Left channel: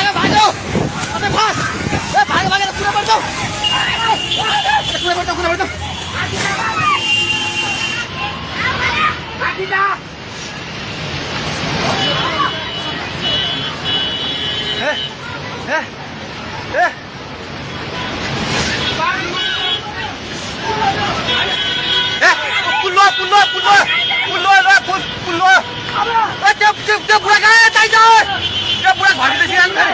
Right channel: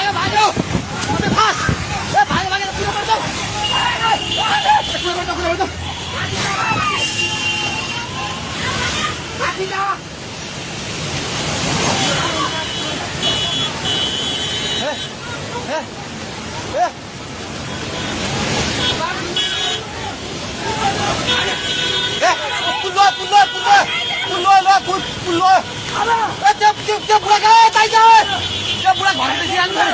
भागो भागो अझै फास्ट ए भागो भागो कुरो पर्छ कुरो पर्छ आकिदा ए ए ए पुल्लो पुल्लो पुल्लो पुल्लो ल पुल्लो ए त्यो बुढा गए ताइ जा त्यो बुढा घरले सिरान गरे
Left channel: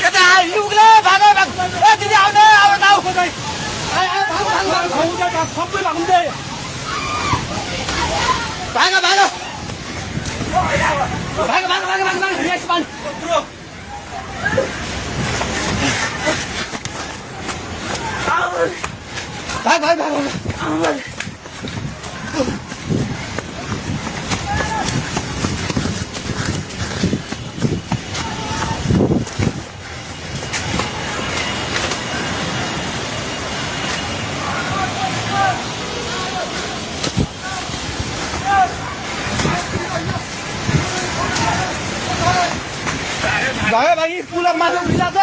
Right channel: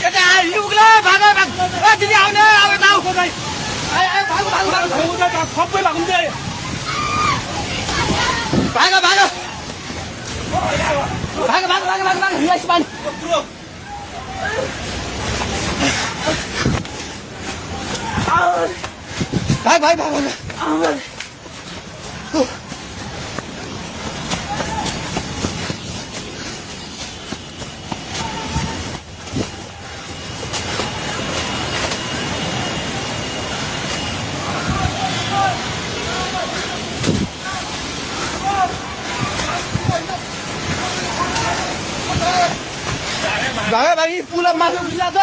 यता युगले भाग ए दिदी आउने आउ ताउ खोदै आइ आइ भाग सबै भाग्दै भाग भाग भाग भाग भाग भाग भाग यस मान भाग भाग भाग भागे भागी पुला माथि उठिला छ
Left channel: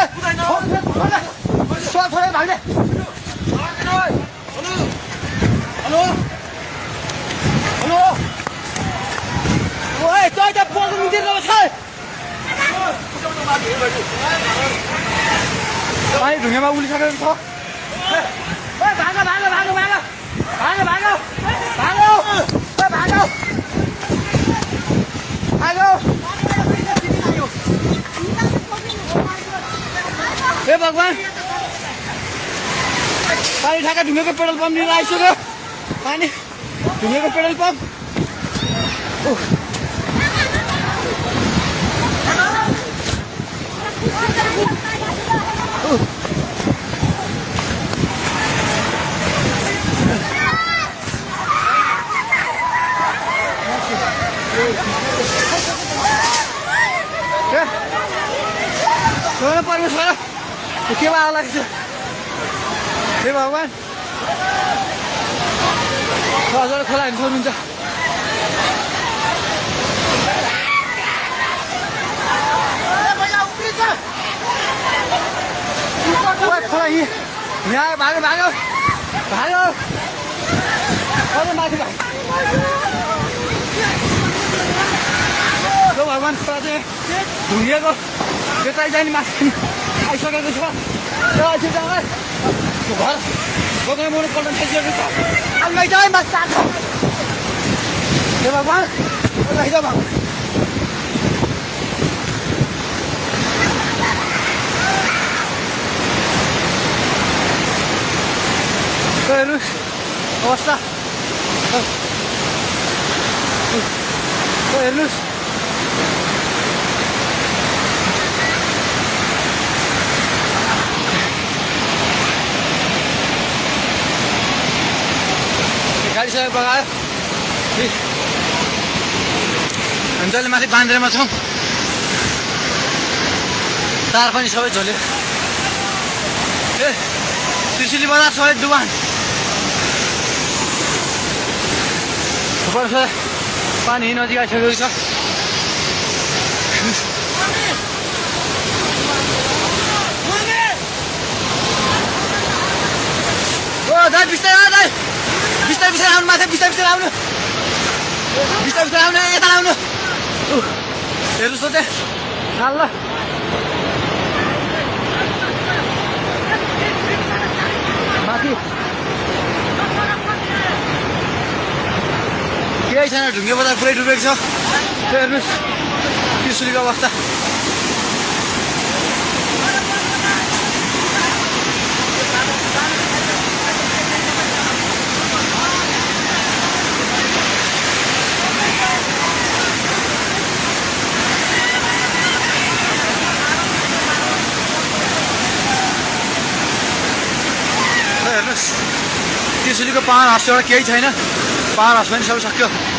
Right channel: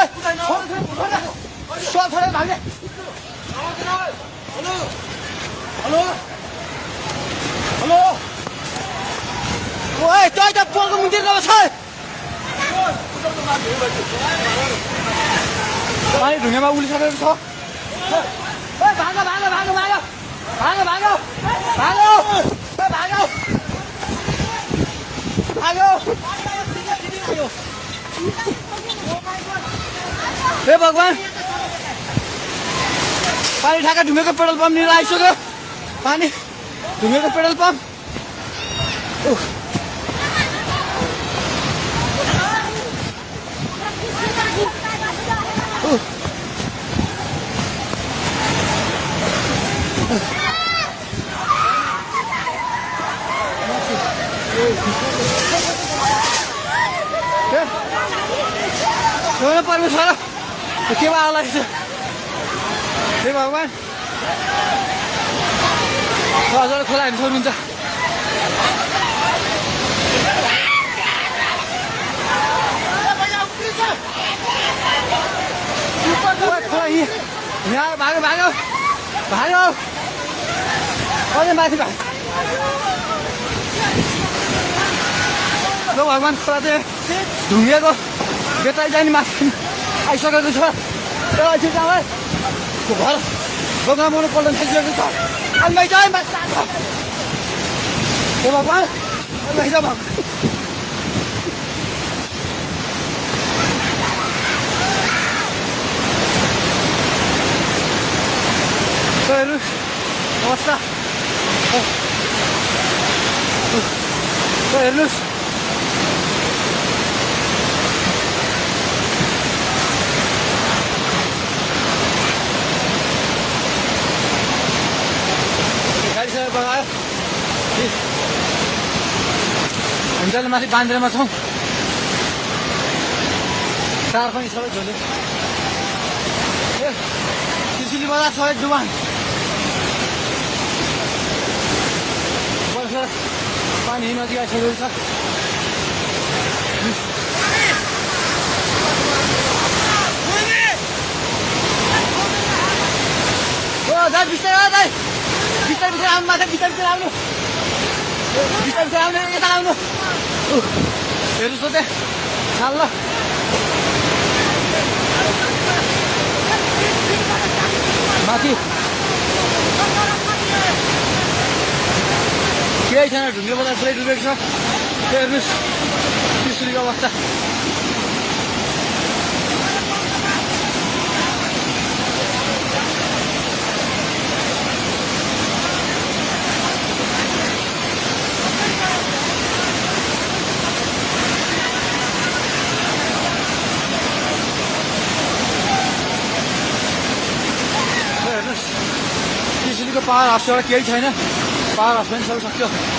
सो थोरै भागे हेलो हेलो ओए त्यो त पोको मिन्दिर गएको छ पानी ढुङ्गामा उलिसकेको छ ओए भागो भागो भागो भागो भागो भागो भागो ओए भागो भागो हे भगवान पानी ठाका ढुङ्गेको पेट्रोल पम्प लिएर आइसक्यो पानी ढुङ्गेको पेट्रोल पम्प परमेश्वर के आला हे भगवान हजुर खोला हेर्नु सक्नुहुन्छ खोला यहाँ भागो भागो भागो माथि भाग भगवान खोला चाहिँ ढुङ्गेको यतै जाने माथि आइसकेको छ त्यो घर दोकान मुनि पल्ट थालिसकेको छ आम्मै चाहिँ माथि हे भगवान भगवान हेर्नु अवस्था हेर्नुहोस् गाडी सबै बगायो हामी जहिले माथि बान्द्रेमा छौँ तार पनि सबै झोल्यो ए त्रिशुली बजार सबै डुबान पानी नजिक आइसकेको छ ओ दाइ बिस्तारै दाइ बिस्तारै बिस्तारै आउनु माथि बिस्तारै बिस्तारै आउनु बिस्तारै बिस्तारै आउनु यता आउनु हेर्नुहोस् त त्यहाँ खाल ल माथि केही छैन ढुङ्गे बजार पुरै डुबेको छ हेर्नुहोस् त्रिशुलीको अवस्था हेर्नुहोस् त्रिशुलीको पावर हाउसबाट केही छैन पावर हाउस पनि सबै सक्यो